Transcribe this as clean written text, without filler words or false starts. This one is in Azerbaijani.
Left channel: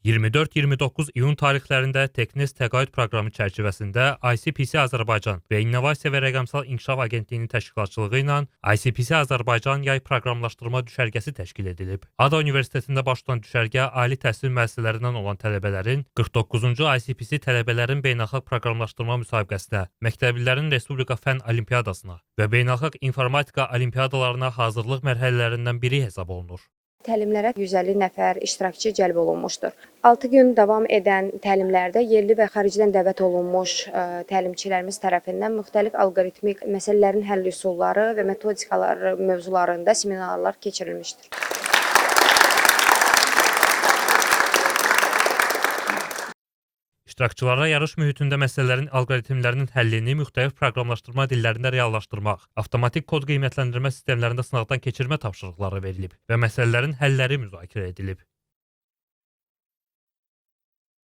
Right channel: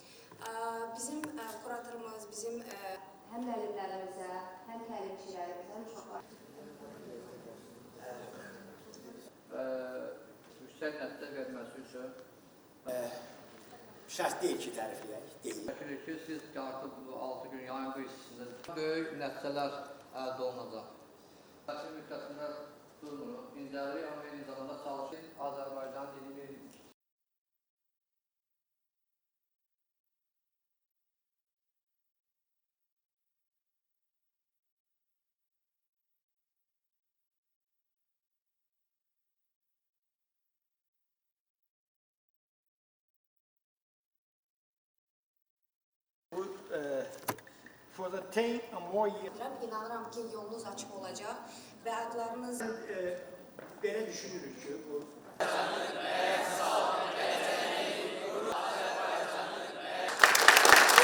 24-29 iyun tarixlərində Teknes təqaüd proqramı çərçivəsində ICPC Azərbaycan və İnnovasiya və Rəqəmsal İnkişaf Agentliyinin təşkilatçılığı ilə ICPC Azərbaycan yay proqramlaşdırma düşərgəsi təşkil edilib. ADA Universitetində baş tutan düşərgə ali təhsil müəssisələrindən olan tələbələrin 49-cu ICPC tələbələrin beynəlxalq proqramlaşdırma müsabiqəsinə, məktəblilərin Respublika Fənn Olimpiadasına və beynəlxalq informatika olimpiadalarına hazırlıq mərhələlərindən biri hesab olunur. Təlimlərə 150 nəfər iştirakçı cəlb olunmuşdur. 6 gün davam edən təlimlərdə yerli və xaricdən dəvət olunmuş təlimçilərimiz tərəfindən müxtəlif alqoritmik məsələlərin həll üsulları və metodikaları mövzularında seminarlar keçirilmişdir. İştirakçılara yarış mühitində məsələlərin alqoritmlərinin həllini müxtəlif proqramlaşdırma dillərində reallaşdırmaq, avtomatik kod qiymətləndirmə sistemlərində sınaqdan keçirmə tapşırıqları verilib və məsələlərin həlləri müzakirə edilib.